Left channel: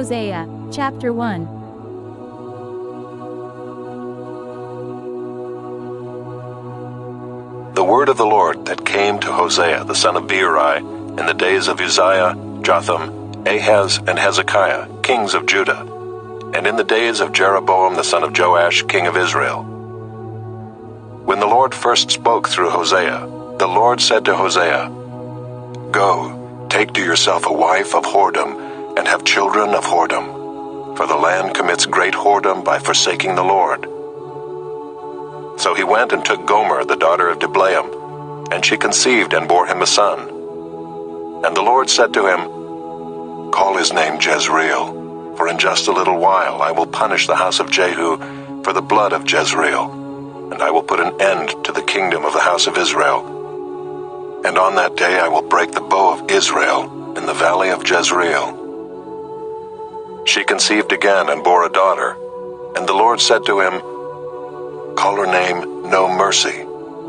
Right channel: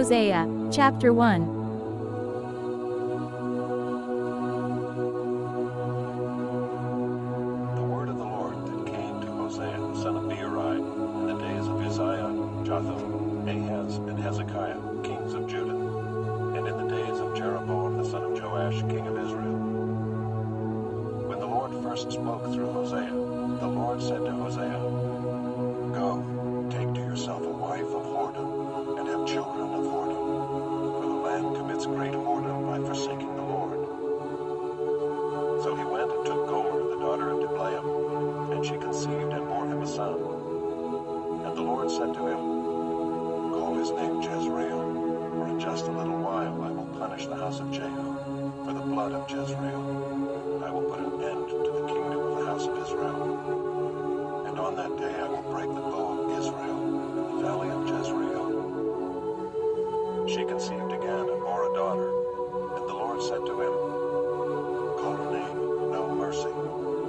Hosea, Chapter 1. The word of the Lord that came to Hosea the son of Beeri in the days of Uzziah, Jotham, Ahaz, and Hezekiah, kings of Judah, and in the days of Jeroboam the son of Joash, king of Israel. When the Lord first spoke through Hosea, the Lord said to Hosea, "Go, take to yourself a wife of whoredom, and have children of whoredom, for the land commits great whoredom by forsaking the Lord." So he went and took Gomer the daughter of Diblaim, and she conceived and bore him a son. And the Lord said to him, "Call his name Jezreel, for in just a little while I will punish the house of Jehu for the blood of Jezreel, and I will put an end to the kingdom of the house of Israel. And on that day I will break the bow of Israel in the valley of Jezreel." She conceived again and bore a daughter, and the Lord said to him, "Call her name No Mercy,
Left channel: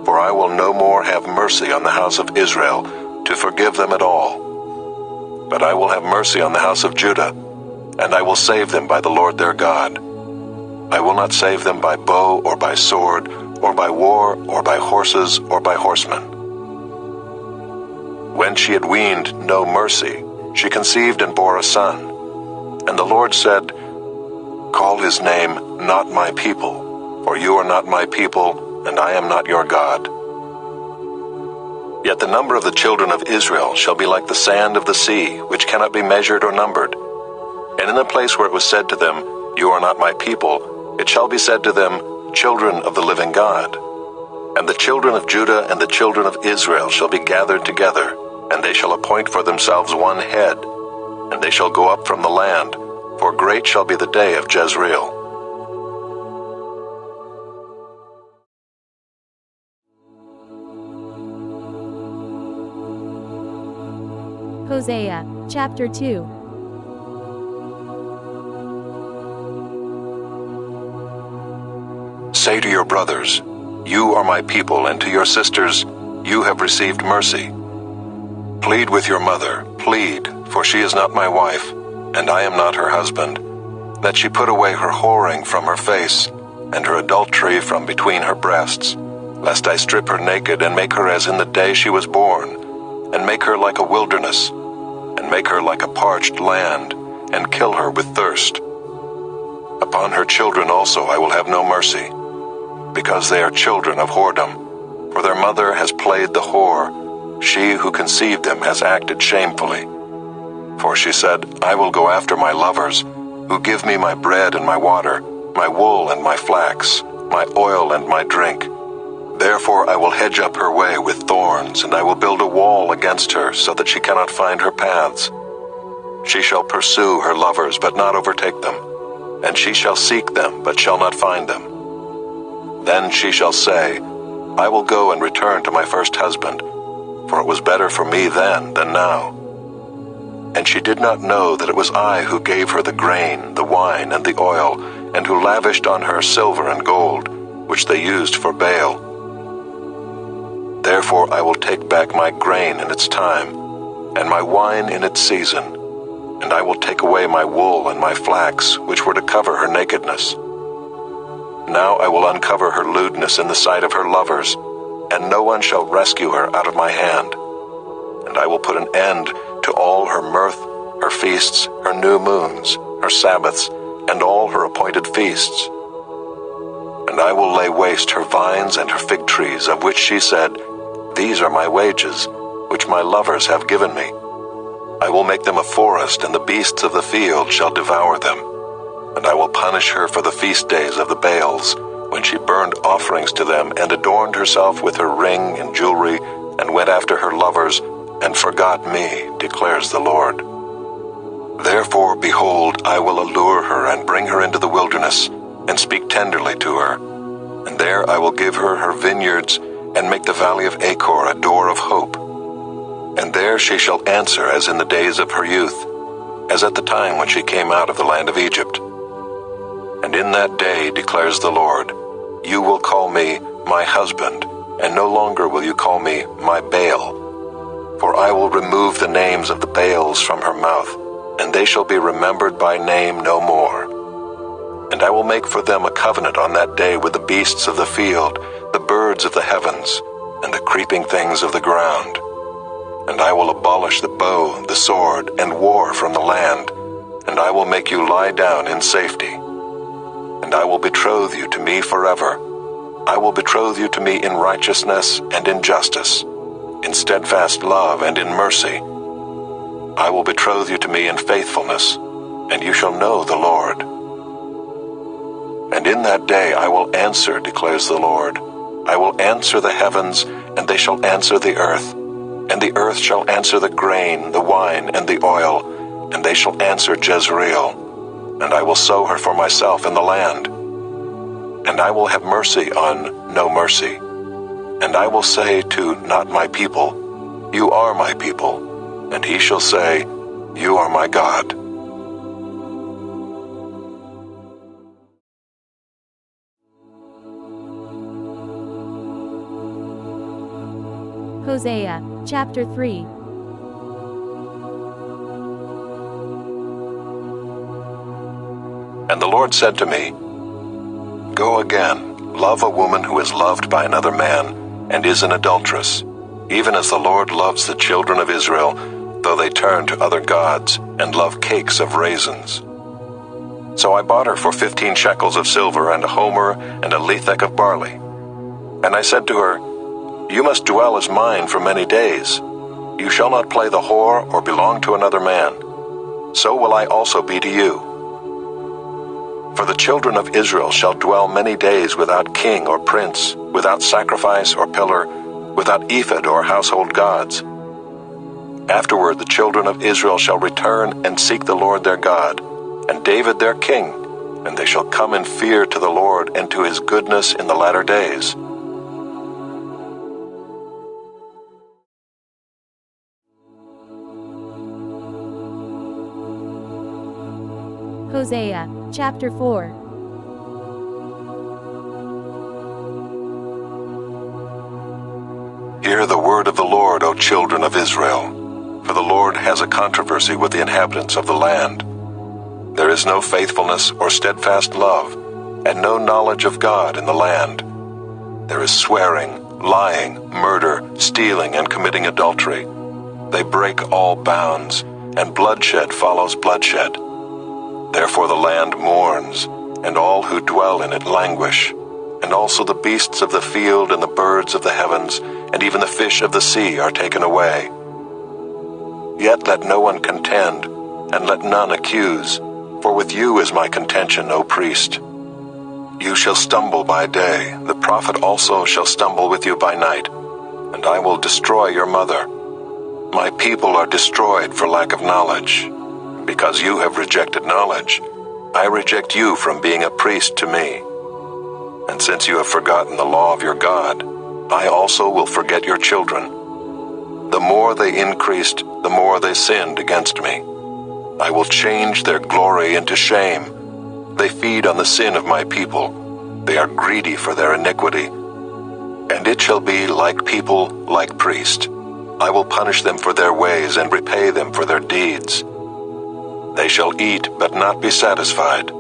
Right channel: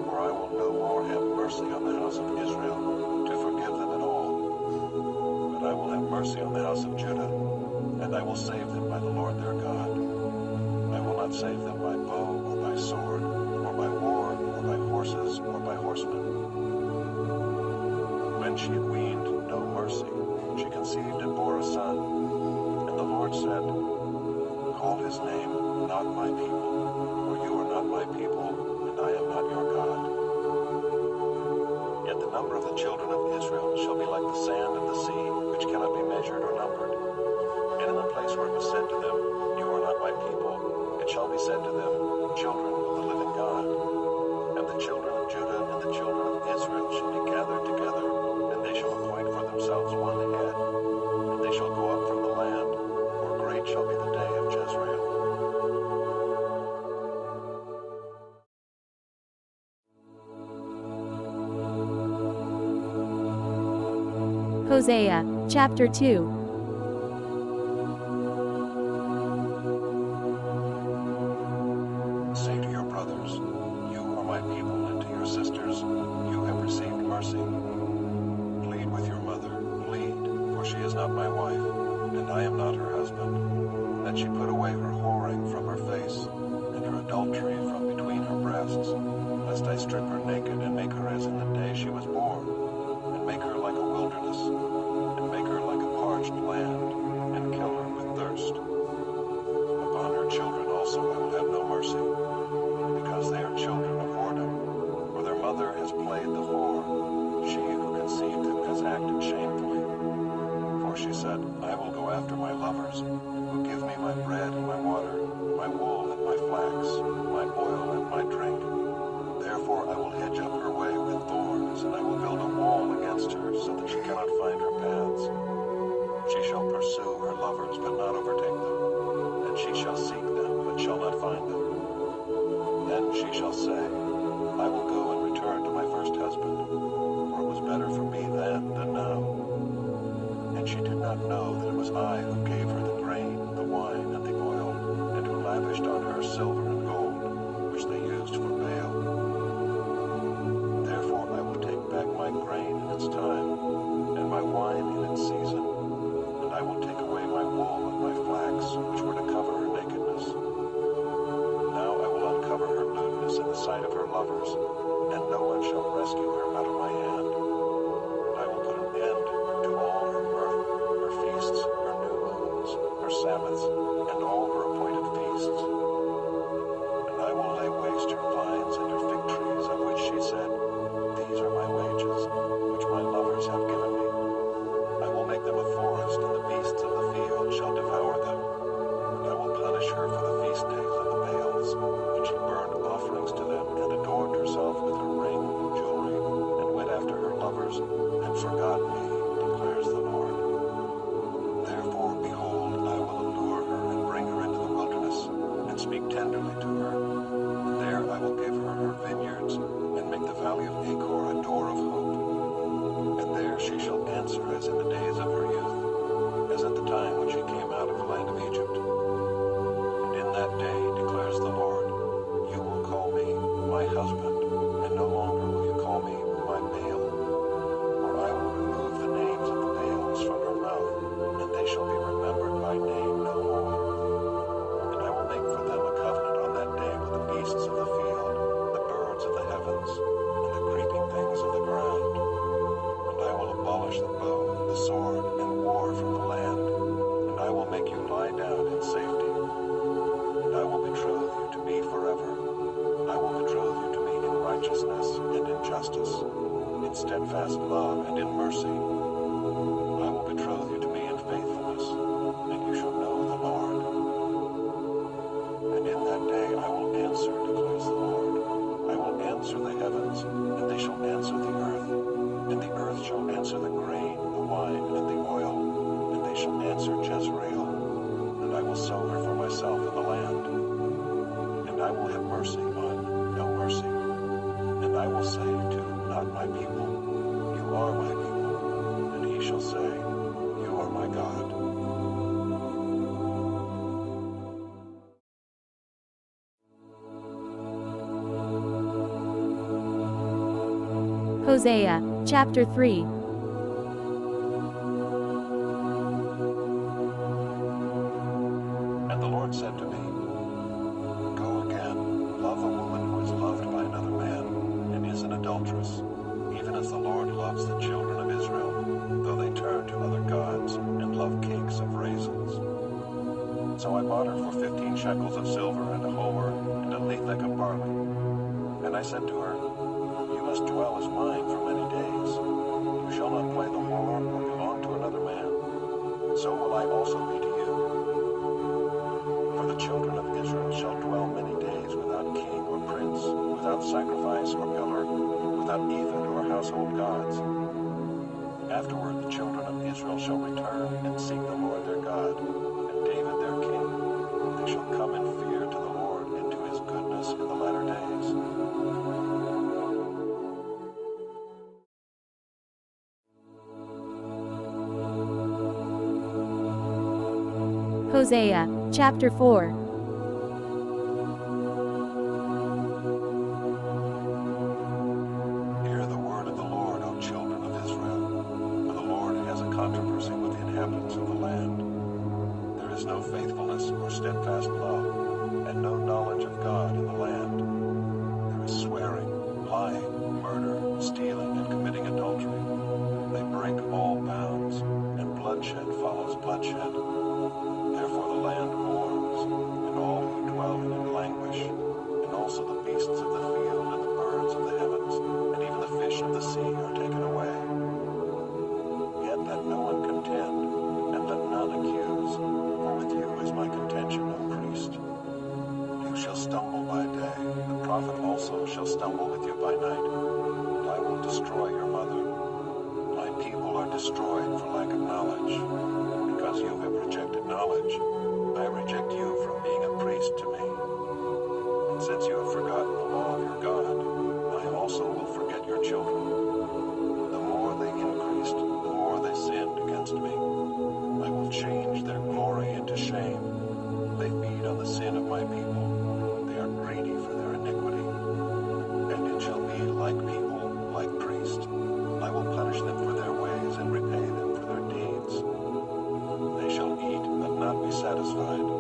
for I will no more have mercy on the house of Israel to forgive them at all. But I will have mercy on the house of Judah, and I will save them by the Lord their God. I will not save them by bow or by sword, or by war, or by horses, or by horsemen." When she had weaned No Mercy, she conceived and bore a son. And the Lord said, "Call his name Not My People, for you are not my people, and I am not your God. Yet the number of the children of Israel shall be like the sand of the sea, which cannot be measured or numbered. And in the place where it was said to them, 'You are not my people,' it shall be said to them, 'Children of the living God.' And the children of Judah and the children of Israel shall be gathered together, and they shall appoint for themselves one head, and they shall go up from the land, for great shall be the day of Jezreel." Hosea, Chapter 2. Say to your brothers, "You are my people," and to your sisters, "You have received mercy." Plead with your mother, plead, for she is not my wife, and I am not her husband, that she put away her whoring from her face, and her adultery from between her breasts, lest I strip her naked and make her as in the day she was born, and make her like a wilderness, and make her like a parched land, and kill her with thirst. Upon her children also I will have no mercy, because they are children of whoredom, for their mother has played the whore, she who conceived them has acted shamefully. For she said, "I will go after my lovers, who give me my bread and my water, my wool and my flax, my oil and my drink. Therefore I will hedge up her way with thorns, and I will build a wall against her, so that she cannot find her paths. She shall pursue her lovers, but not overtake them, and she shall seek them, but shall not find them. Then she shall say, I will go and return to my first husband, for it was better for me then than now. And she did not know that it was I who gave her the grain, the wine, and the oil, and who lavished on her silver and gold, which they used for Baal. Therefore I will take back my grain in its time, and my wine in its season, and I will take away my wool and my flax, which were to cover her nakedness. Now I will uncover her lewdness in the sight of her lovers, and no one shall rescue her out of my hand. And I will put an end to all her mirth, her feasts, her new moons, her Sabbaths, and all her appointed feasts. And I will lay waste her vines and her fig trees, of which she said, These are my wages, which my lovers have given me. I will make them a forest, and the beasts of the field shall devour them. And I will punish her for the feast days of the Baals, when she burned offerings to them, and adorned herself with her ring and jewelry, and went after her lovers, and forgot me, declares the Lord. Therefore, behold, I will allure her and bring her into the wilderness, and speak tenderly to her. And there I will give her her vineyards, and make the valley of Achor a door of hope. And there she shall answer as in the days of her youth, as at the time when she came out of the land of Egypt. And in that day, declares the Lord, you will call me my husband, and no longer will you call me my Baal. For I will remove the names of the Baals from her mouth, and they shall be remembered by name no more. And I will make for them a covenant on that day with the beasts of the field, the birds of the heavens, and the creeping things of the ground. And I will abolish the bow, the sword, and war from the land, and I will make you lie down in safety. And I will betroth you to me forever. I will betroth you to me in righteousness and in justice, in steadfast love and in mercy. I will betroth you to me in faithfulness, and you shall know the Lord. And in that day I will answer, declares the Lord. I will answer the heavens, and they shall answer the earth. And the earth shall answer the grain, the wine, and the oil, and they shall answer Jezreel. And I will sow her for myself in the land. And I will have mercy on no mercy. And I will say to not my people, you are my people. And he shall say, you are my God. Hosea, Chapter 3. And the Lord said to me, go again, love a woman who is loved by another man, and is an adulteress, even as the Lord loves the children of Israel, though they turn to other gods, and love cakes of raisins. So I bought her for 15 shekels of silver, and a homer, and a lethek of barley. And I said to her, you must dwell as mine for many days. You shall not play the whore or belong to another man. So will I also be to you. For the children of Israel shall dwell many days without king or prince, without sacrifice or pillar, without ephod or household gods. Afterward the children of Israel shall return and seek the Lord their God, and David their king, and they shall come in fear to the Lord and to his goodness in the latter days. Hosea, Chapter 4. Hear the word of the Lord, O children of Israel, for the Lord has a controversy with the inhabitants of the land. There is no faithfulness or steadfast love, and no knowledge of God in the land. There is swearing, lying, murder, stealing, and committing adultery. They break all bounds, and bloodshed follows bloodshed. Therefore the land mourns, and all who dwell in it languish, and also the beasts of the field and the birds of the heavens, and even the fish of the sea are taken away. Yet let no one contend, and let none accuse, for with you is my contention, O priest. You shall stumble by day, the prophet also shall stumble with you by night, and I will destroy your mother. My people are destroyed for lack of knowledge. Because you have rejected knowledge, I reject you from being a priest to me. And since you have forgotten the law of your God, I also will forget your children. The more they increased, the more they sinned against me. I will change their glory into shame. They feed on the sin of my people. They are greedy for their iniquity. And it shall be like people, like priest. I will punish them for their ways and repay them for their deeds. They shall eat, but not be satisfied.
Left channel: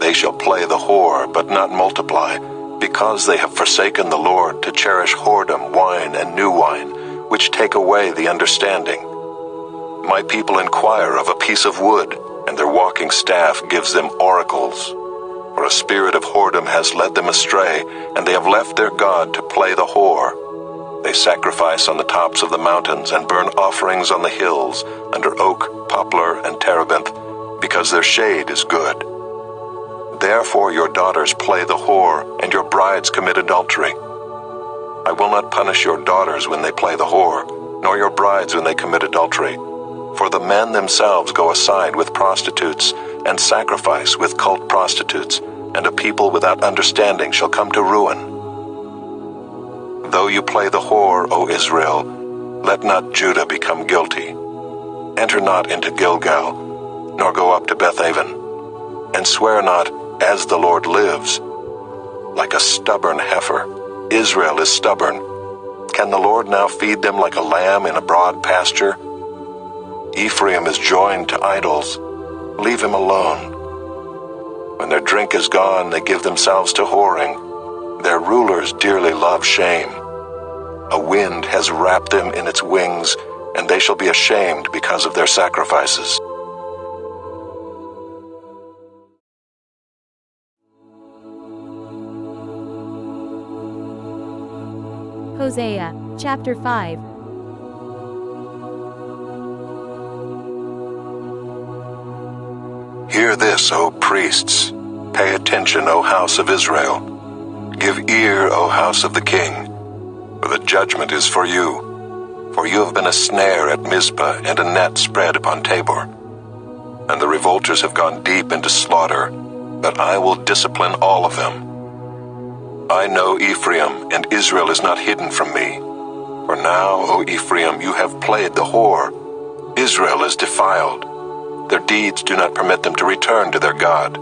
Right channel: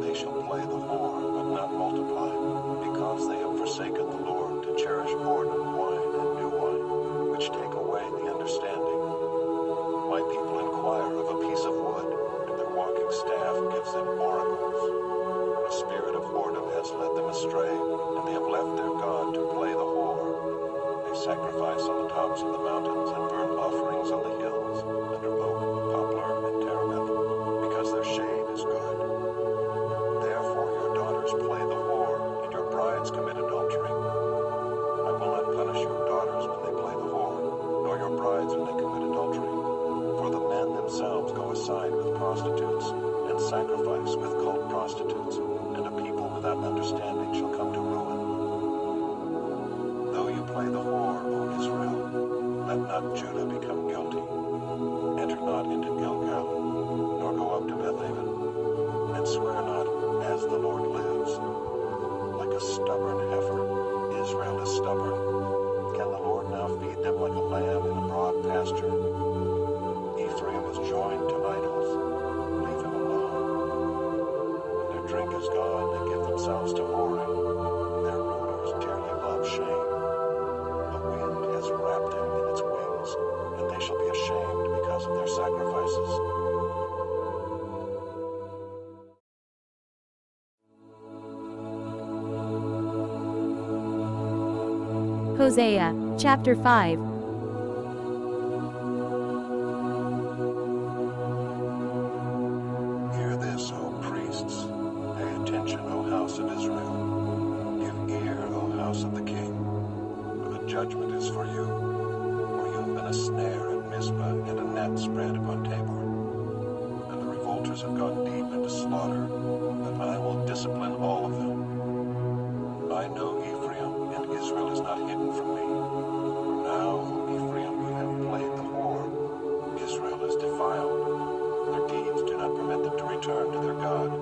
They shall play the whore, but not multiply, because they have forsaken the Lord to cherish whoredom, wine, and new wine, which take away the understanding. My people inquire of a piece of wood, and their walking staff gives them oracles. For a spirit of whoredom has led them astray, and they have left their God to play the whore. They sacrifice on the tops of the mountains and burn offerings on the hills, under oak, poplar, and terebinth, because their shade is good. Therefore your daughters play the whore, and your brides commit adultery. I will not punish your daughters when they play the whore, nor your brides when they commit adultery. For the men themselves go aside with prostitutes, and sacrifice with cult prostitutes, and a people without understanding shall come to ruin. Though you play the whore, O Israel, let not Judah become guilty. Enter not into Gilgal, nor go up to Bethaven, and swear not, as the Lord lives. Like a stubborn heifer, Israel is stubborn. Can the Lord now feed them like a lamb in a broad pasture? Ephraim is joined to idols. Leave him alone. When their drink is gone, they give themselves to whoring. Their rulers dearly love shame. A wind has wrapped them in its wings, and they shall be ashamed because of their sacrifices. Hosea Chapter 5. Hear this, O priests. Pay attention, O house of Israel. Give ear, O house of the king, for the judgment is for you. For you have been a snare at Mizpah and a net spread upon Tabor. And the revolters have gone deep into slaughter, but I will discipline all of them. I know Ephraim, and Israel is not hidden from me. For now, O Ephraim, you have played the whore. Israel is defiled. Their deeds do not permit them to return to their God.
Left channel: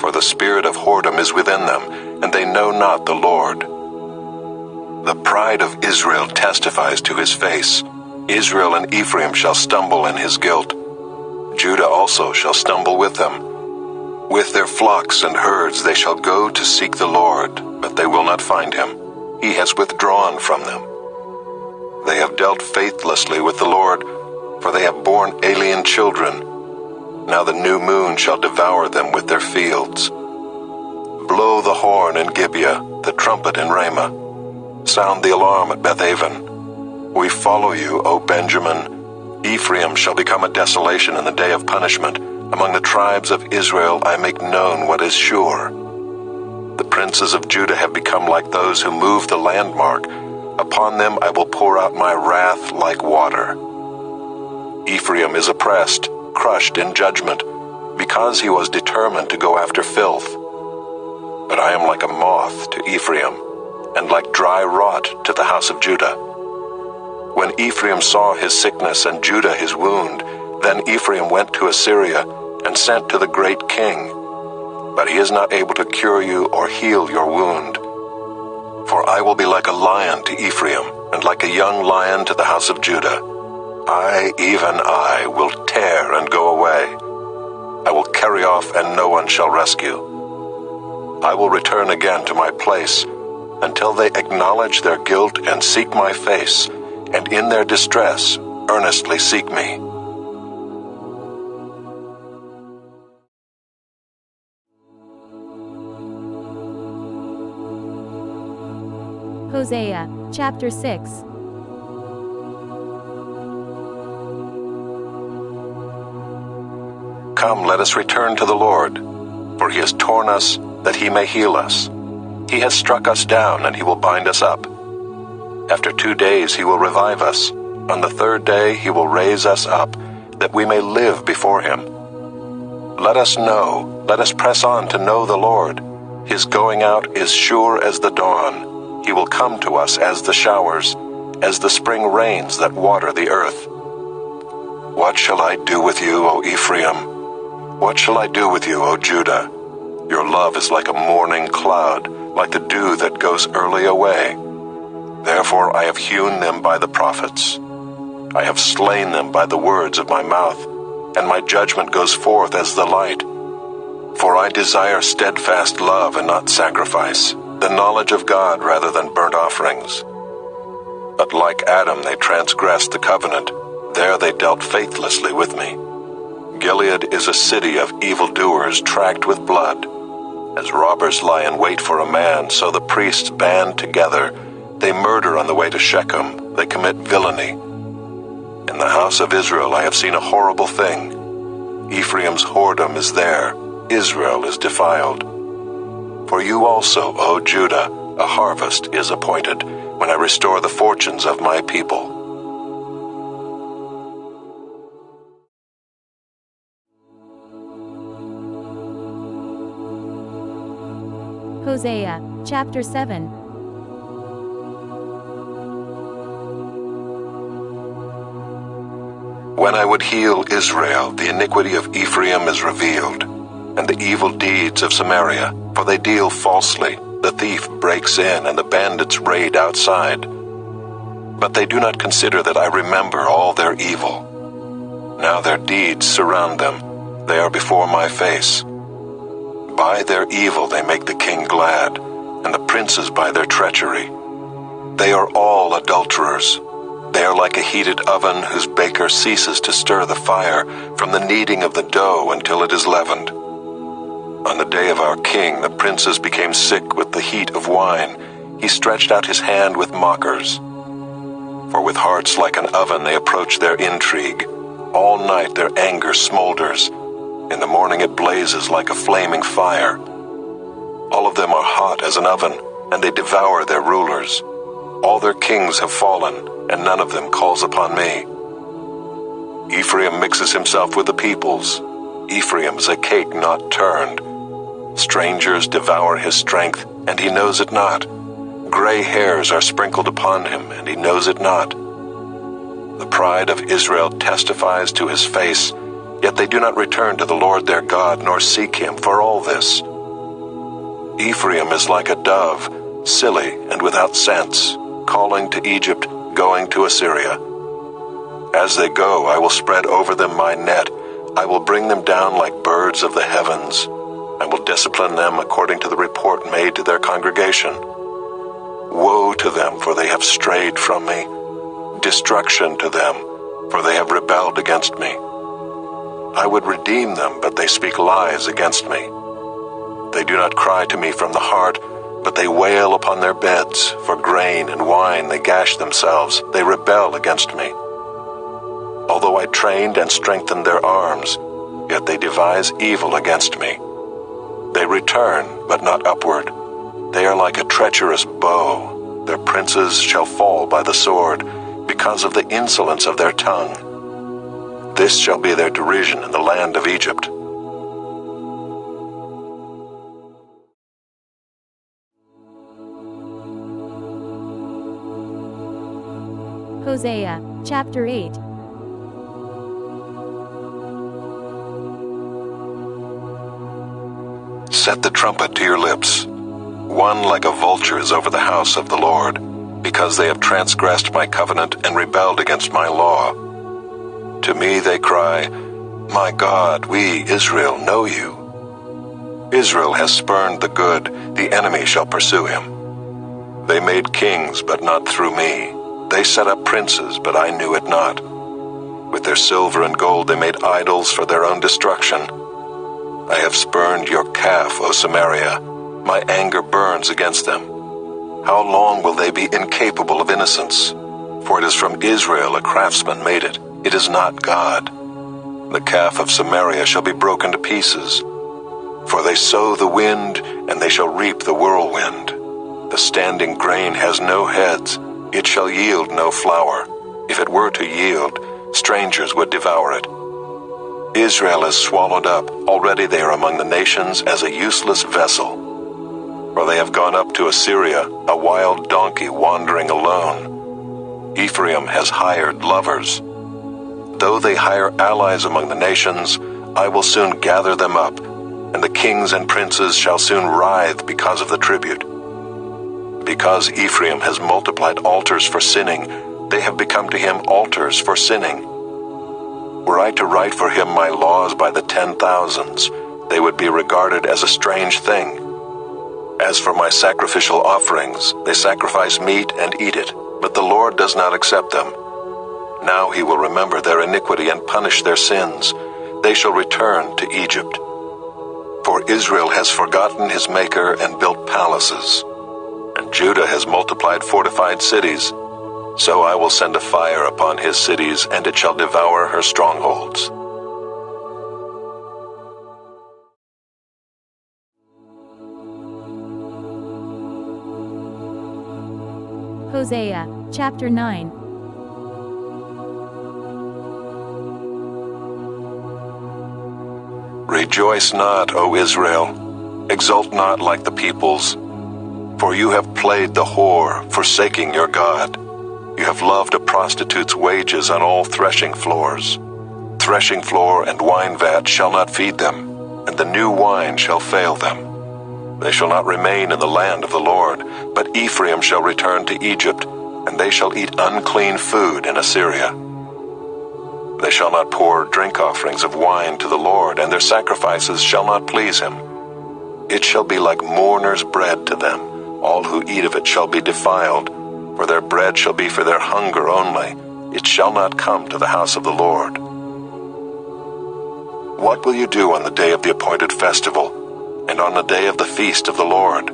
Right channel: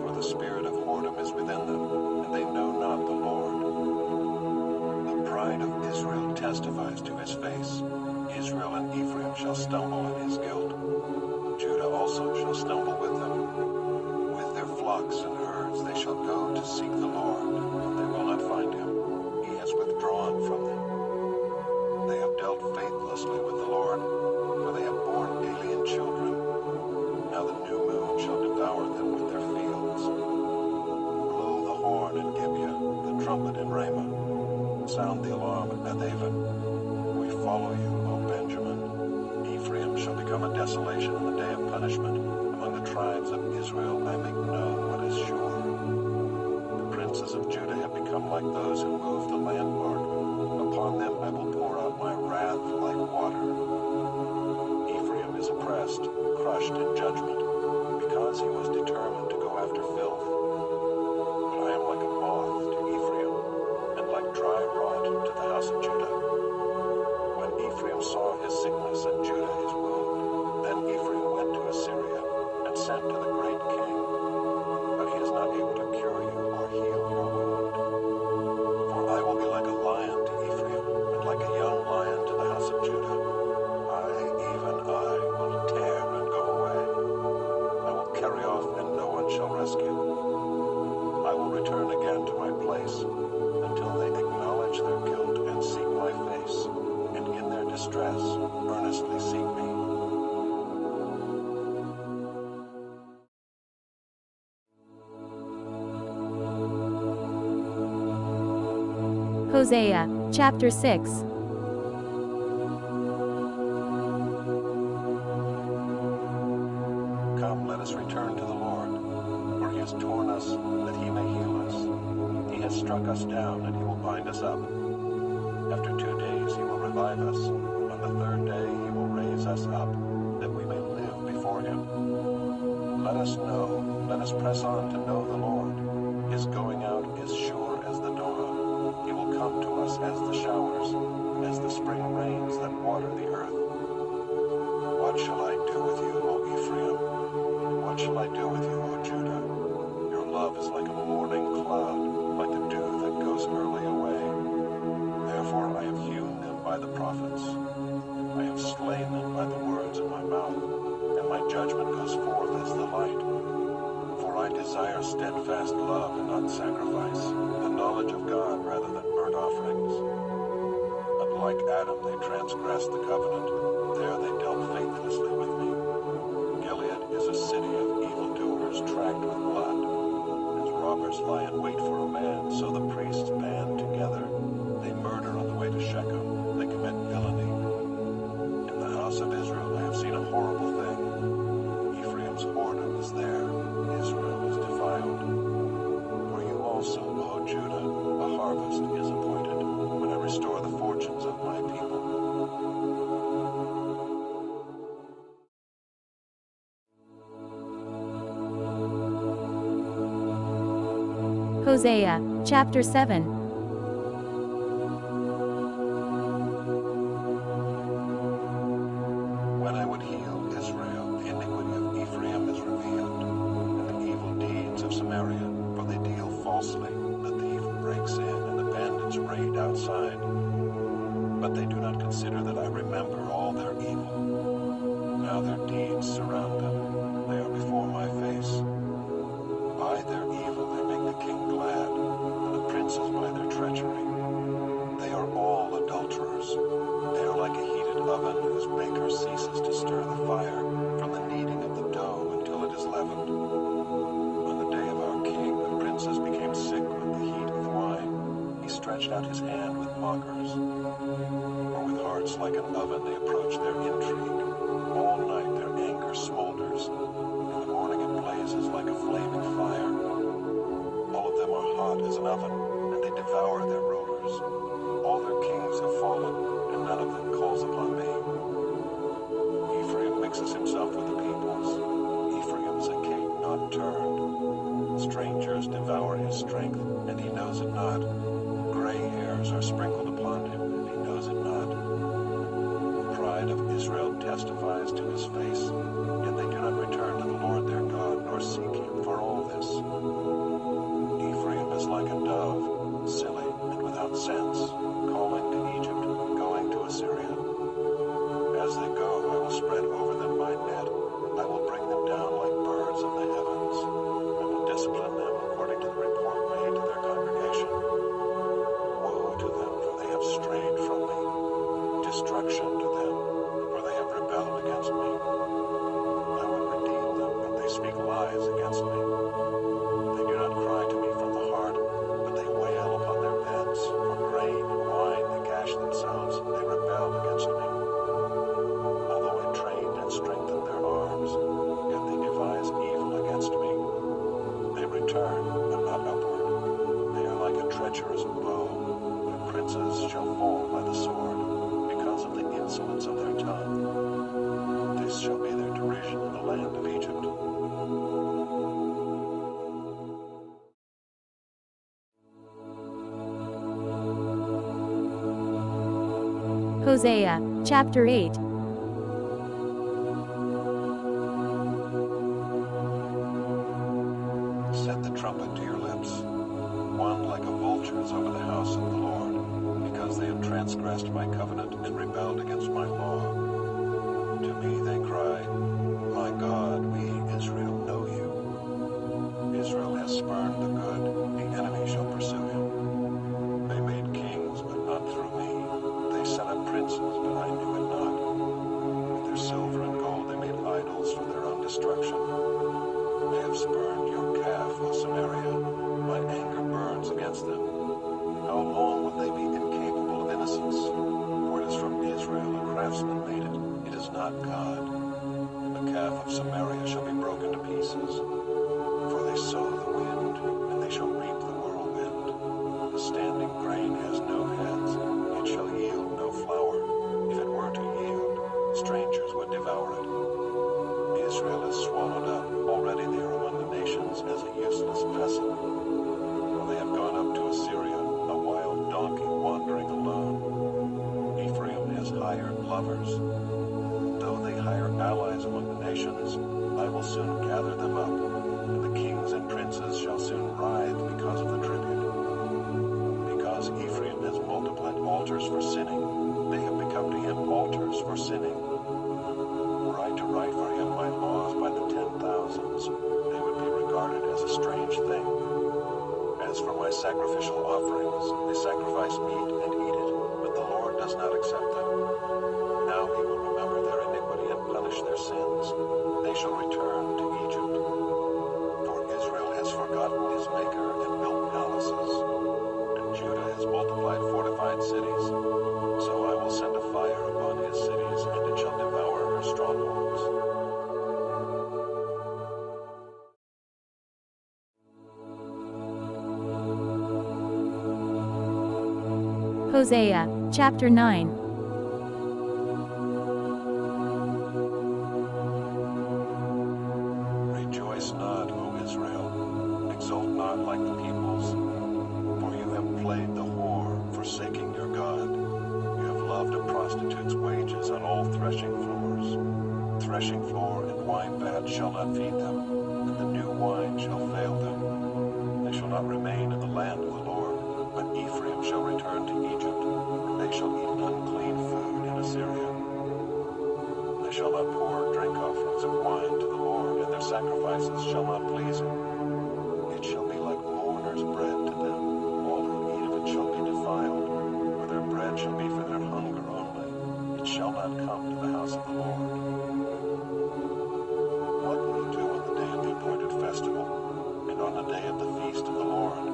For the spirit of whoredom is within them, and they know not the Lord. The pride of Israel testifies to his face. Israel and Ephraim shall stumble in his guilt. Judah also shall stumble with them. With their flocks and herds they shall go to seek the Lord, but they will not find him. He has withdrawn from them. They have dealt faithlessly with the Lord, for they have borne alien children. Now the new moon shall devour them with their fields. Blow the horn in Gibeah, the trumpet in Ramah. Sound the alarm at Bethaven. We follow you, O Benjamin. Ephraim shall become a desolation in the day of punishment. Among the tribes of Israel I make known what is sure. The princes of Judah have become like those who move the landmark. Upon them I will pour out my wrath like water. Ephraim is oppressed, crushed in judgment, because he was determined to go after filth. But I am like a moth to Ephraim, and like dry rot to the house of Judah. When Ephraim saw his sickness and Judah his wound, then Ephraim went to Assyria and sent to the great king. But he is not able to cure you or heal your wound. For I will be like a lion to Ephraim, and like a young lion to the house of Judah. I, even I, will tear and go away. I will carry off, and no one shall rescue. I will return again to my place, until they acknowledge their guilt and seek my face, and in their distress earnestly seek me. Hosea Chapter 6. Come, let us return to the Lord, for he has torn us that he may heal us. He has struck us down, and he will bind us up. After 2 days he will revive us. On the 3rd day he will raise us up, that we may live before him. Let us know, let us press on to know the Lord. His going out is sure as the dawn. He will come to us as the showers, as the spring rains that water the earth. What shall I do with you, O Ephraim? What shall I do with you, O Judah? Your love is like a morning cloud, like the dew that goes early away. Therefore I have hewn them by the prophets. I have slain them by the words of my mouth, and my judgment goes forth as the light. For I desire steadfast love and not sacrifice, the knowledge of God rather than burnt offerings. But like Adam they transgressed the covenant. There they dealt faithlessly with me. Gilead is a city of evildoers tracked with blood. As robbers lie in wait for a man, so the priests band together. They murder on the way to Shechem. They commit villainy. In the house of Israel I have seen a horrible thing. Ephraim's whoredom is there. Israel is defiled. For you also, O Judah, a harvest is appointed, when I restore the fortunes of my people. Hosea Chapter 7. When I would heal Israel, the iniquity of Ephraim is revealed, and the evil deeds of Samaria, for they deal falsely. The thief breaks in, and the bandits raid outside. But they do not consider that I remember all their evil. Now their deeds surround them. They are before my face. By their evil they make the king glad, and the princes by their treachery. They are all adulterers. They are like a heated oven whose baker ceases to stir the fire from the kneading of the dough until it is leavened. On the day of our king, the princes became sick with the heat of wine. He stretched out his hand with mockers. For with hearts like an oven they approach their intrigue. All night their anger smolders. In the morning it blazes like a flaming fire. All of them are hot as an oven, and they devour their rulers. All their kings have fallen, and none of them calls upon me. Ephraim mixes himself with the peoples. Ephraim is a cake not turned. Strangers devour his strength, and he knows it not. Gray hairs are sprinkled upon him, and he knows it not. The pride of Israel testifies to his face, yet they do not return to the Lord their God, nor seek him for all this. Ephraim is like a dove, silly and without sense, calling to Egypt, going to Assyria. As they go, I will spread over them my net. I will bring them down like birds of the heavens. I will discipline them according to the report made to their congregation. Woe to them, for they have strayed from me. Destruction to them, for they have rebelled against me. I would redeem them, but they speak lies against me. They do not cry to me from the heart, but they wail upon their beds. For grain and wine they gash themselves. They rebel against me. Although I trained and strengthened their arms, yet they devise evil against me. They return, but not upward. They are like a treacherous bow. Their princes shall fall by the sword, because of the insolence of their tongue. This shall be their derision in the land of Egypt. Hosea, chapter 8. Set the trumpet to your lips. One like a vulture is over the house of the Lord, because they have transgressed my covenant and rebelled against my law. To me they cry, My God, we, Israel, know you. Israel has spurned the good, the enemy shall pursue him. They made kings, but not through me. They set up princes, but I knew it not. With their silver and gold they made idols for their own destruction. I have spurned your calf, O Samaria. My anger burns against them. How long will they be incapable of innocence? For it is from Israel a craftsman made it. It is not God. The calf of Samaria shall be broken to pieces. For they sow the wind, and they shall reap the whirlwind. The standing grain has no heads. It shall yield no flour. If it were to yield, strangers would devour it. Israel is swallowed up. Already they are among the nations as a useless vessel. For they have gone up to Assyria, a wild donkey wandering alone. Ephraim has hired lovers. Though they hire allies among the nations, I will soon gather them up, and the kings and princes shall soon writhe because of the tribute. Because Ephraim has multiplied altars for sinning, they have become to him altars for sinning. Were I to write for him my laws by the 10,000s, they would be regarded as a strange thing. As for my sacrificial offerings, they sacrifice meat and eat it, but the Lord does not accept them. Now he will remember their iniquity and punish their sins. They shall return to Egypt. For Israel has forgotten his Maker and built palaces, and Judah has multiplied fortified cities. So I will send a fire upon his cities, and it shall devour her strongholds. Hosea, chapter 9. Rejoice not, O Israel. Exult not like the peoples. For you have played the whore, forsaking your God. You have loved a prostitute's wages on all threshing floors. Threshing floor and wine vat shall not feed them, and the new wine shall fail them. They shall not remain in the land of the Lord, but Ephraim shall return to Egypt, and they shall eat unclean food in Assyria. They shall not pour drink offerings of wine to the Lord, and their sacrifices shall not please him. It shall be like mourners' bread to them. All who eat of it shall be defiled, for their bread shall be for their hunger only. It shall not come to the house of the Lord. What will you do on the day of the appointed festival, and on the day of the feast of the Lord?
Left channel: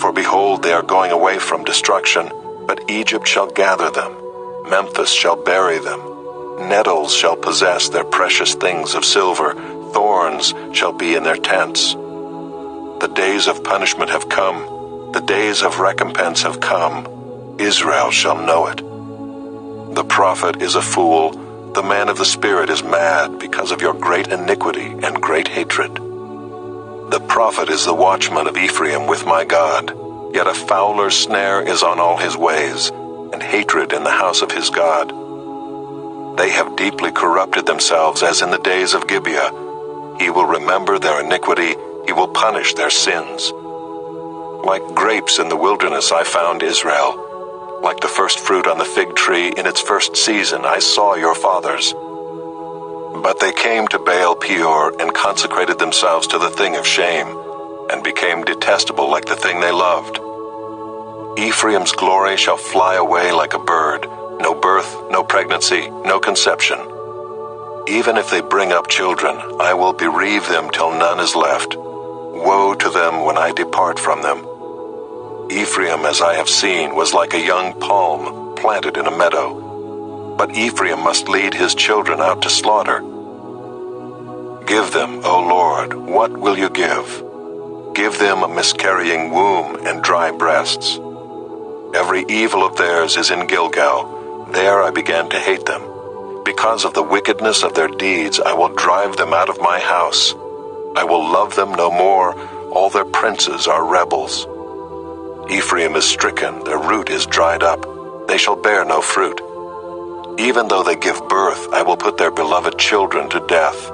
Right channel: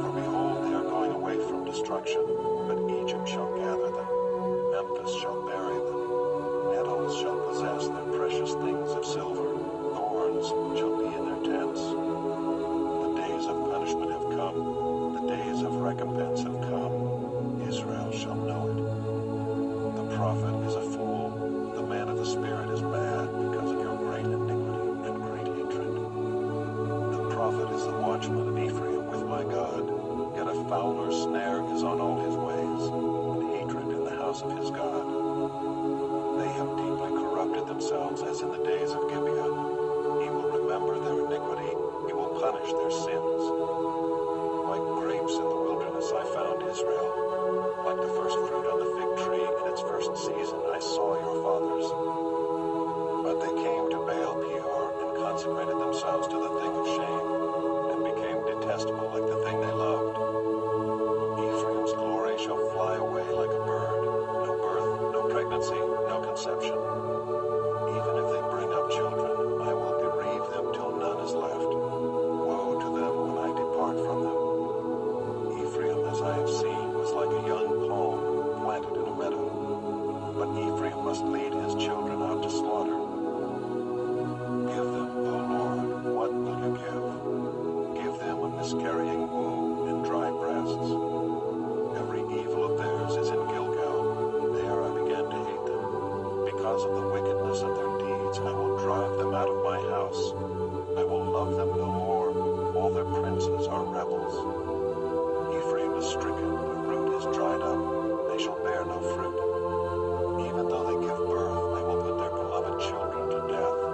For behold, they are going away from destruction, but Egypt shall gather them. Memphis shall bury them. Nettles shall possess their precious things of silver. Thorns shall be in their tents. The days of punishment have come. The days of recompense have come. Israel shall know it. The prophet is a fool. The man of the Spirit is mad because of your great iniquity and great hatred. The prophet is the watchman of Ephraim with my God. Yet a fowler's snare is on all his ways, and hatred in the house of his God. They have deeply corrupted themselves as in the days of Gibeah. He will remember their iniquity. He will punish their sins. Like grapes in the wilderness I found Israel. Like the first fruit on the fig tree in its first season I saw your fathers. But they came to Baal Peor and consecrated themselves to the thing of shame, and became detestable like the thing they loved. Ephraim's glory shall fly away like a bird. No birth, no pregnancy, no conception. Even if they bring up children, I will bereave them till none is left. Woe to them when I depart from them. Ephraim, as I have seen, was like a young palm planted in a meadow. But Ephraim must lead his children out to slaughter. Give them, O Lord, what will you give? Give them a miscarrying womb and dry breasts. Every evil of theirs is in Gilgal. There I began to hate them. Because of the wickedness of their deeds, I will drive them out of my house. I will love them no more. All their princes are rebels. Ephraim is stricken, their root is dried up. They shall bear no fruit. Even though they give birth, I will put their beloved children to death.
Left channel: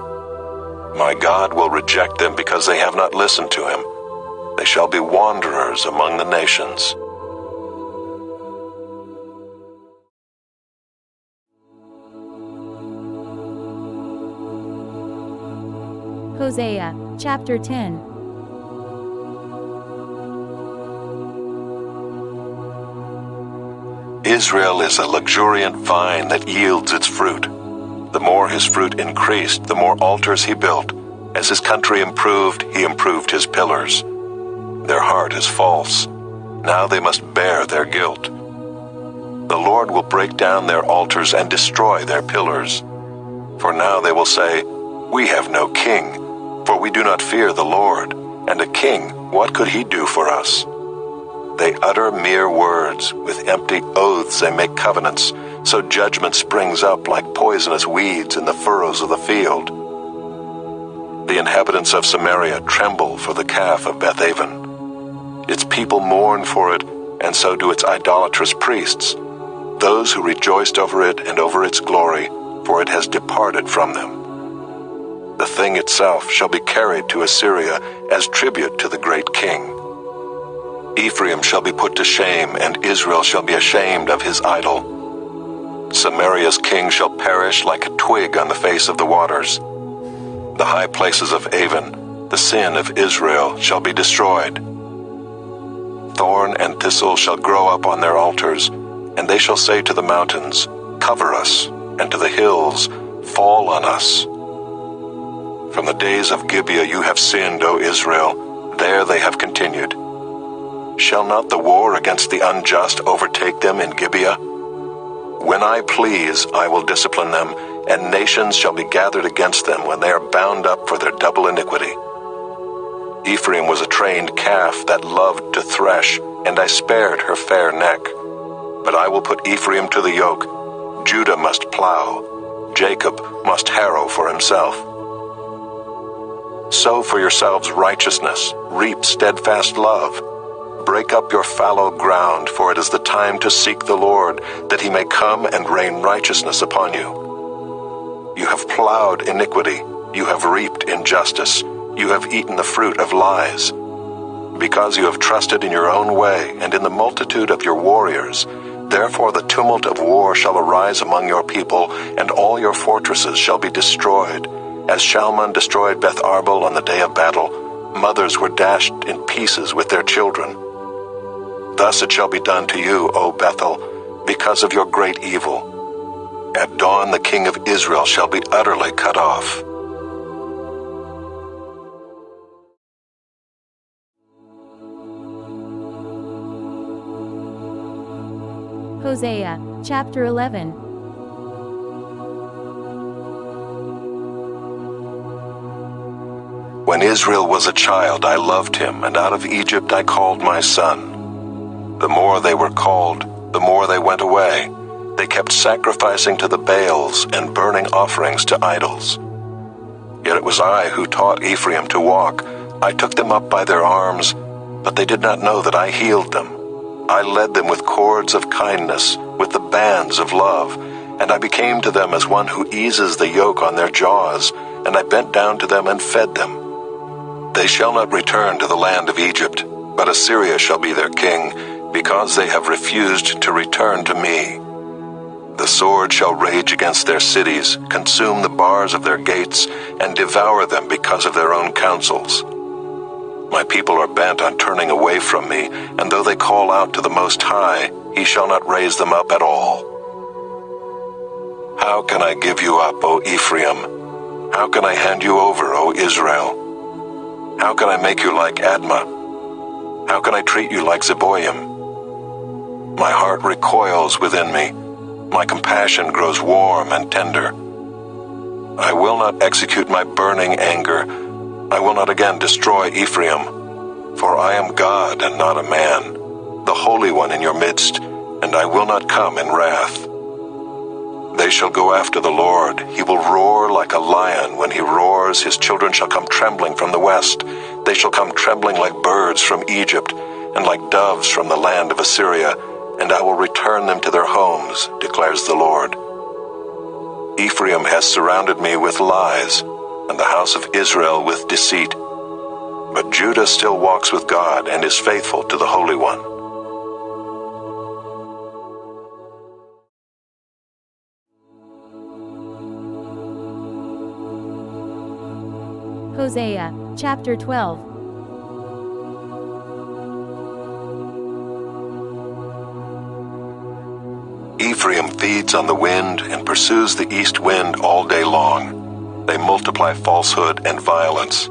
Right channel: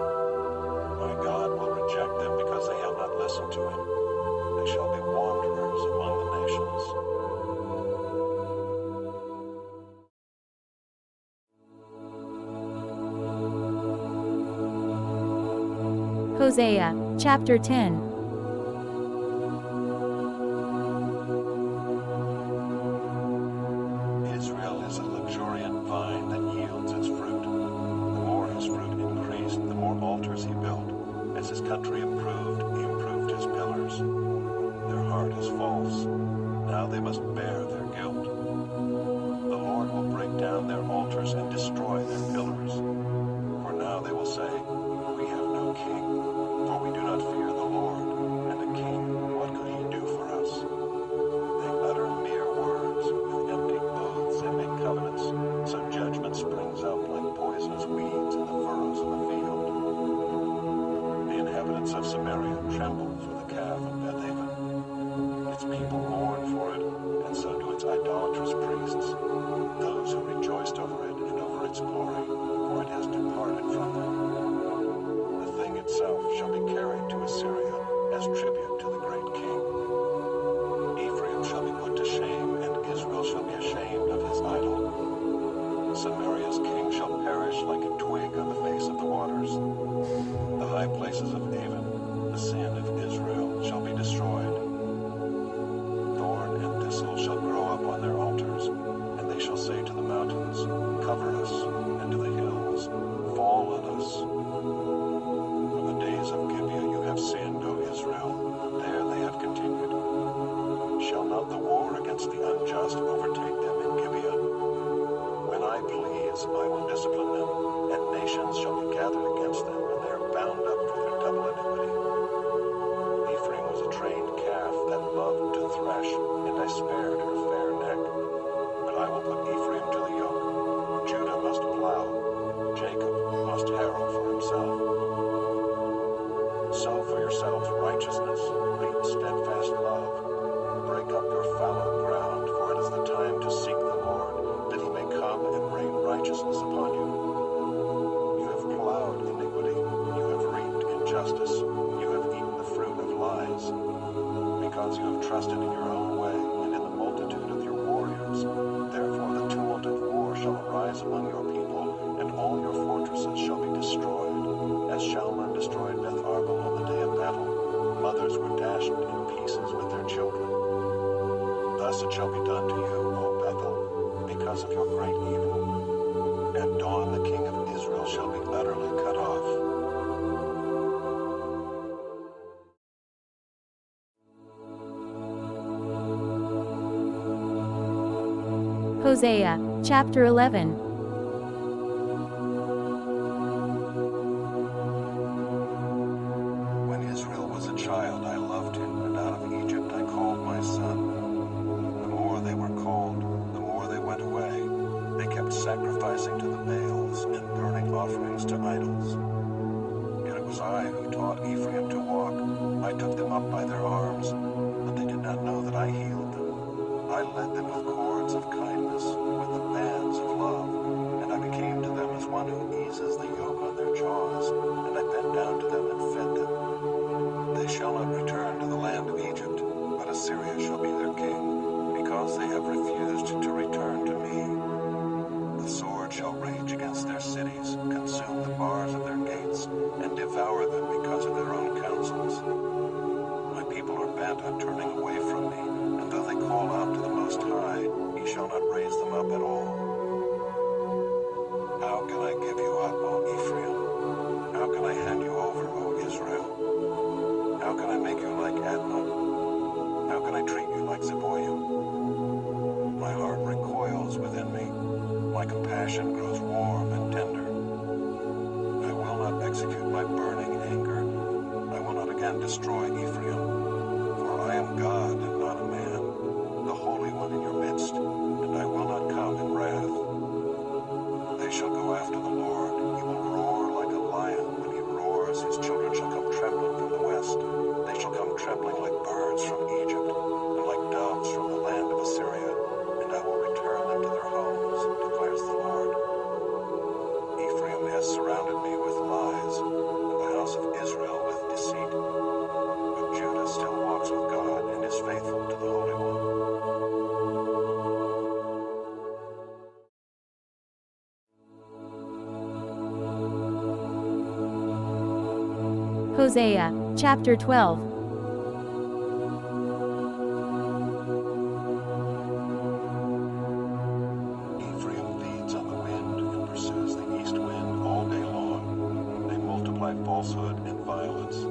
My God will reject them because they have not listened to him. They shall be wanderers among the nations. Hosea, Chapter 10. Israel is a luxuriant vine that yields its fruit. The more his fruit increased, the more altars he built. As his country improved, he improved his pillars. Their heart is false. Now they must bear their guilt. The Lord will break down their altars and destroy their pillars. For now they will say, "We have no king, for we do not fear the Lord. And a king, what could he do for us?" They utter mere words. With empty oaths they make covenants. So judgment springs up like poisonous weeds in the furrows of the field. The inhabitants of Samaria tremble for the calf of Bethaven. Its people mourn for it, and so do its idolatrous priests. Those who rejoiced over it and over its glory, for it has departed from them. The thing itself shall be carried to Assyria as tribute to the great king. Ephraim shall be put to shame, and Israel shall be ashamed of his idol. Samaria's king shall perish like a twig on the face of the waters. The high places of Avon, the sin of Israel, shall be destroyed. Thorn and thistle shall grow up on their altars, and they shall say to the mountains, "Cover us," and to the hills, "Fall on us." From the days of Gibeah you have sinned, O Israel. There they have continued. Shall not the war against the unjust overtake them in Gibeah? When I please, I will discipline them, and nations shall be gathered against them when they are bound up for their double iniquity. Ephraim was a trained calf that loved to thresh, and I spared her fair neck. But I will put Ephraim to the yoke. Judah must plow. Jacob must harrow for himself. Sow for yourselves righteousness, reap steadfast love. Break up your fallow ground, for it is the time to seek the Lord, that he may come and rain righteousness upon you. You have plowed iniquity, you have reaped injustice, you have eaten the fruit of lies. Because you have trusted in your own way and in the multitude of your warriors, Therefore the tumult of war shall arise among your people, and all your fortresses shall be destroyed. As Shalman destroyed Beth Arbel on the day of battle, mothers were dashed in pieces with their children. Thus it shall be done to you, O Bethel, because of your great evil. At dawn the king of Israel shall be utterly cut off. Hosea, chapter 11. When Israel was a child, I loved him, and out of Egypt I called my son. The more they were called, the more they went away. They kept sacrificing to the Baals and burning offerings to idols. Yet it was I who taught Ephraim to walk. I took them up by their arms, but they did not know that I healed them. I led them with cords of kindness, with the bands of love, and I became to them as one who eases the yoke on their jaws, and I bent down to them and fed them. They shall not return to the land of Egypt, but Assyria shall be their king, because they have refused to return to me. The sword shall rage against their cities, consume the bars of their gates, and devour them because of their own counsels. My people are bent on turning away from me, and though they call out to the Most High, he shall not raise them up at all. How can I give you up, O Ephraim? How can I hand you over, O Israel? How can I make you like Admah? How can I treat you like Zeboim? My heart recoils within me. My compassion grows warm and tender. I will not execute my burning anger. I will not again destroy Ephraim, for I am God and not a man, the Holy One in your midst, and I will not come in wrath. They shall go after the Lord. He will roar like a lion. When he roars, his children shall come trembling from the west. They shall come trembling like birds from Egypt, and like doves from the land of Assyria, and I will return them to their homes, declares the Lord. Ephraim has surrounded me with lies, and the house of Israel with deceit. But Judah still walks with God and is faithful to the Holy One. Hosea, chapter 12. Ephraim feeds on the wind and pursues the east wind all day long. They multiply falsehood and violence.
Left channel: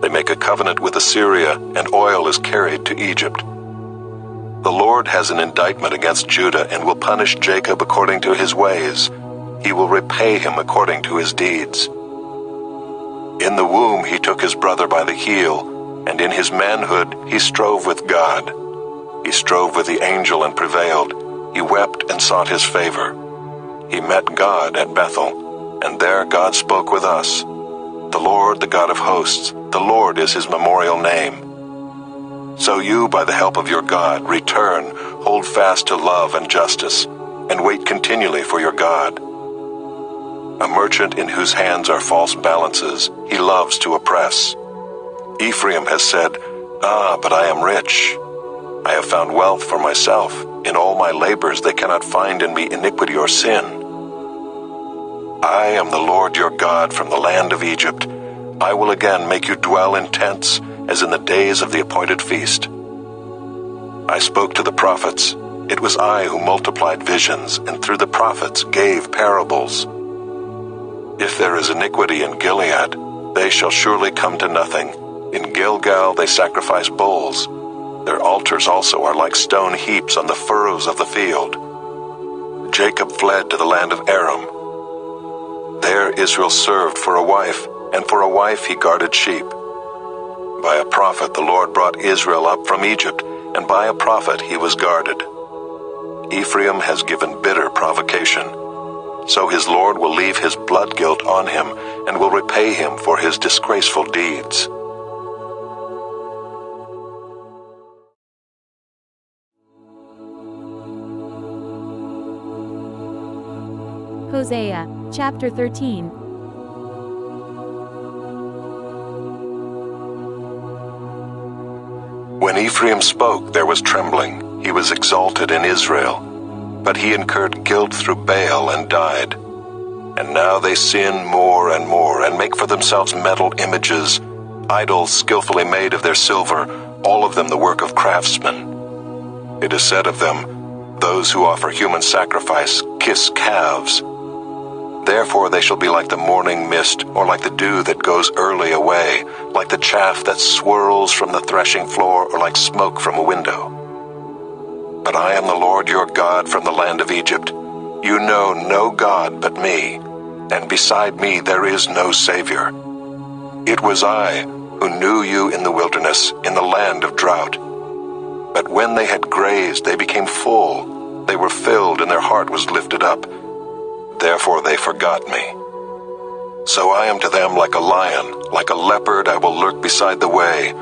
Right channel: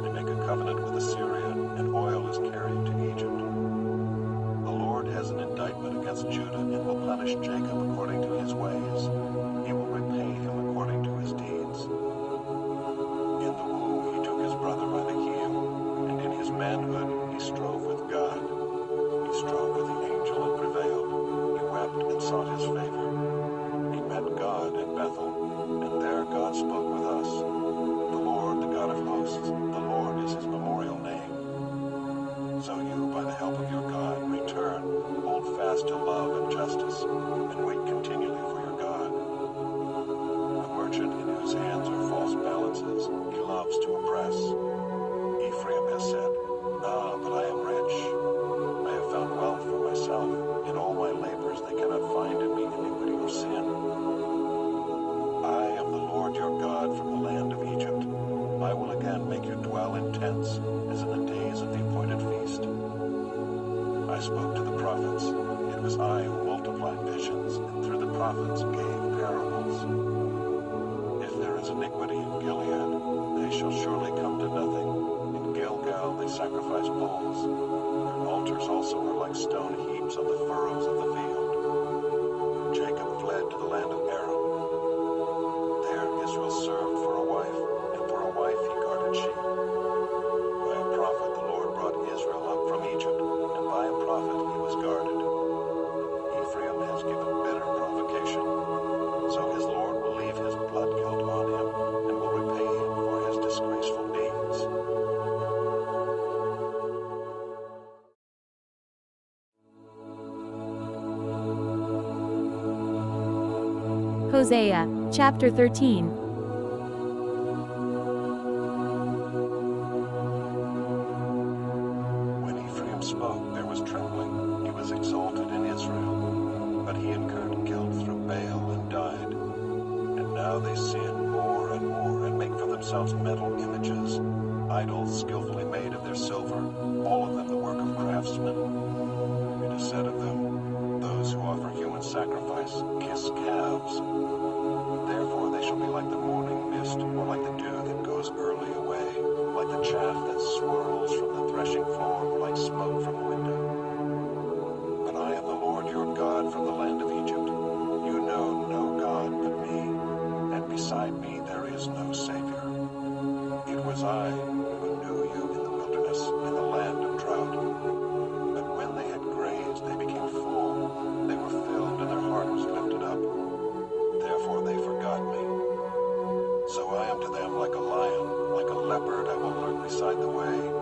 They make a covenant with Assyria, and oil is carried to Egypt. The Lord has an indictment against Judah and will punish Jacob according to his ways. He will repay him according to his deeds. In the womb he took his brother by the heel, and in his manhood he strove with God. He strove with the angel and prevailed. He wept and sought his favor. He met God at Bethel, and there God spoke with us. The Lord, the God of hosts, the Lord is his memorial name. So you, by the help of your God, return, hold fast to love and justice, and wait continually for your God. A merchant in whose hands are false balances, he loves to oppress. Ephraim has said, "Ah, but I am rich. I have found wealth for myself. In all my labors they cannot find in me iniquity or sin. I am the Lord your God from the land of Egypt. I will again make you dwell in tents, as in the days of the appointed feast. I spoke to the prophets. It was I who multiplied visions, and through the prophets gave parables. If there is iniquity in Gilead, they shall surely come to nothing. In Gilgal they sacrifice bulls. Their altars also are like stone heaps on the furrows of the field. Jacob fled to the land of Aram. There Israel served for a wife, and for a wife he guarded sheep. By a prophet the Lord brought Israel up from Egypt, and by a prophet he was guarded. Ephraim has given bitter provocation. So his Lord will leave his blood guilt on him, and will repay him for his disgraceful deeds. Hosea, chapter 13. When Ephraim spoke, there was trembling. He was exalted in Israel. but he incurred guilt through Baal and died. And now they sin more and more, and make for themselves metal images, idols skillfully made of their silver, all of them the work of craftsmen. It is said of them, those who offer human sacrifice kiss calves. Therefore they shall be like the morning mist, or like the dew that goes early away, like the chaff that swirls from the threshing floor, or like smoke from a window. But I am the Lord your God from the land of Egypt. You know no God but me, and beside me there is no Savior. It was I who knew you in the wilderness, in the land of drought. But when they had grazed, they became full. They were filled, and their heart was lifted up. Therefore they forgot me. So I am to them like a lion, like a leopard I will lurk beside the way.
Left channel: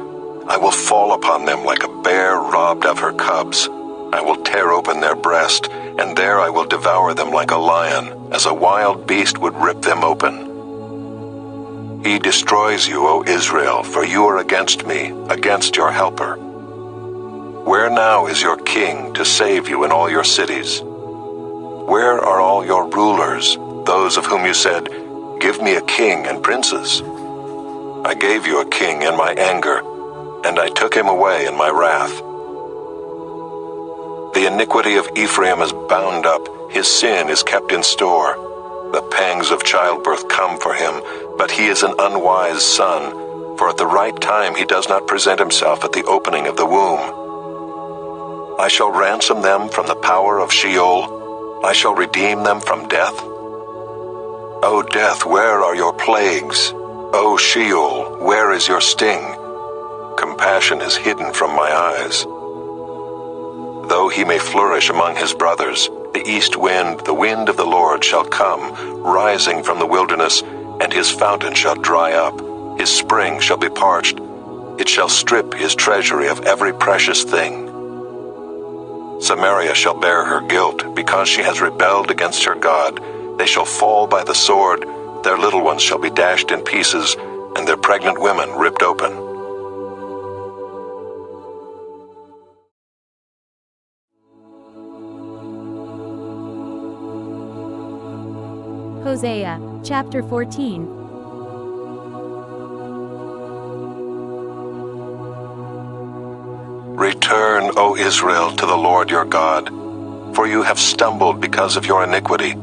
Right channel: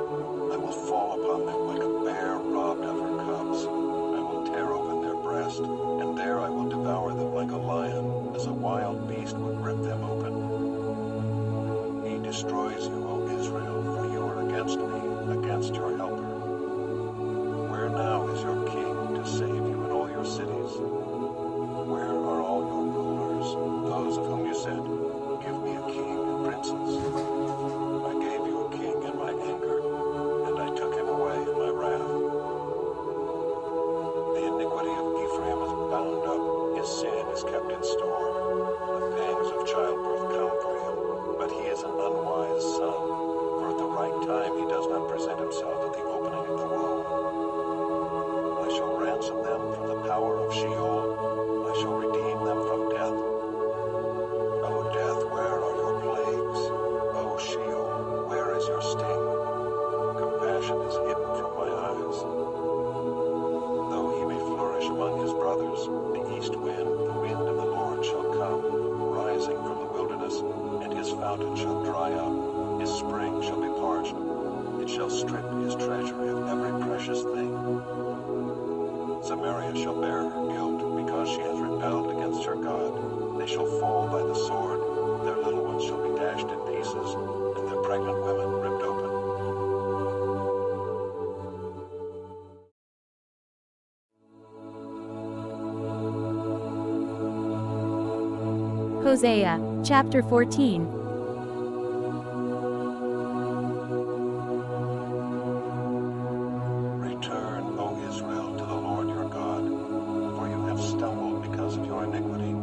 I will fall upon them like a bear robbed of her cubs. I will tear open their breast, and there I will devour them like a lion, as a wild beast would rip them open. He destroys you, O Israel, for you are against me, against your helper. Where now is your king to save you in all your cities? Where are all your rulers, those of whom you said, give me a king and princes? I gave you a king in my anger, and I took him away in my wrath. The iniquity of Ephraim is bound up, his sin is kept in store. The pangs of childbirth come for him, but he is an unwise son, for at the right time he does not present himself at the opening of the womb. I shall ransom them from the power of Sheol. I shall redeem them from death. O death, where are your plagues? O Sheol, where is your sting? Compassion is hidden from my eyes. Though he may flourish among his brothers, the east wind, the wind of the Lord, shall come, rising from the wilderness, and his fountain shall dry up, his spring shall be parched. It shall strip his treasury of every precious thing. Samaria shall bear her guilt, because she has rebelled against her God. They shall fall by the sword, their little ones shall be dashed in pieces, and their pregnant women ripped open. Hosea, chapter 14. Return, O Israel, to the Lord your God, for you have stumbled because of your iniquity.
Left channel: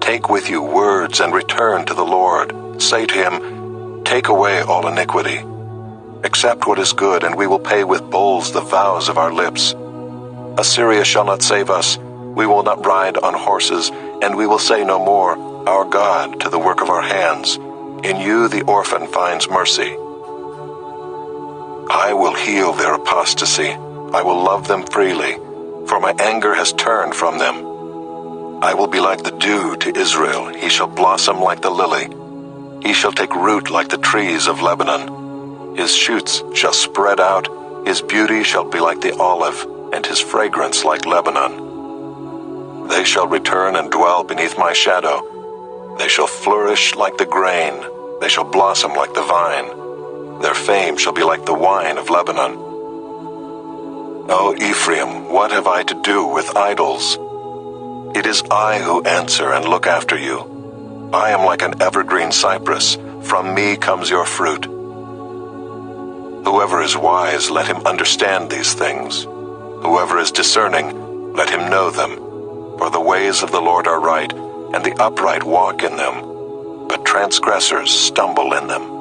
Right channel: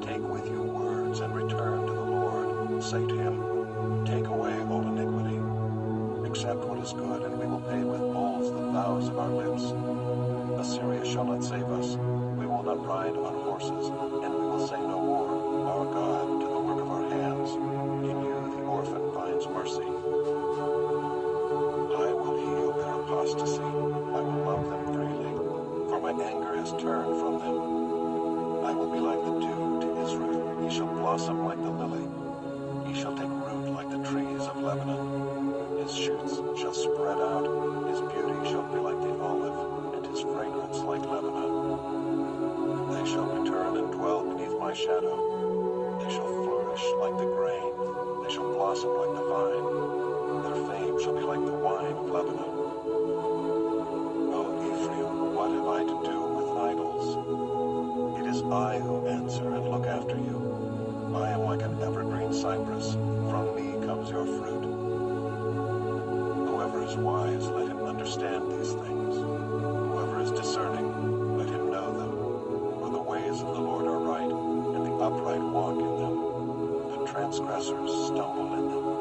Take with you words and return to the Lord. Say to him, take away all iniquity. Accept what is good, and we will pay with bulls the vows of our lips. Assyria shall not save us. We will not ride on horses, and we will say no more, our God, to the work of our hands. In you the orphan finds mercy. I will heal their apostasy. I will love them freely, for my anger has turned from them. I will be like the dew to Israel. He shall blossom like the lily. He shall take root like the trees of Lebanon. His shoots shall spread out. His beauty shall be like the olive, and his fragrance like Lebanon. They shall return and dwell beneath my shadow. They shall flourish like the grain. They shall blossom like the vine. Their fame shall be like the wine of Lebanon. O Ephraim, what have I to do with idols? It is I who answer and look after you. I am like an evergreen cypress. From me comes your fruit. Whoever is wise, let him understand these things. Whoever is discerning, let him know them. For the ways of the Lord are right, and the upright walk in them, but transgressors stumble in them.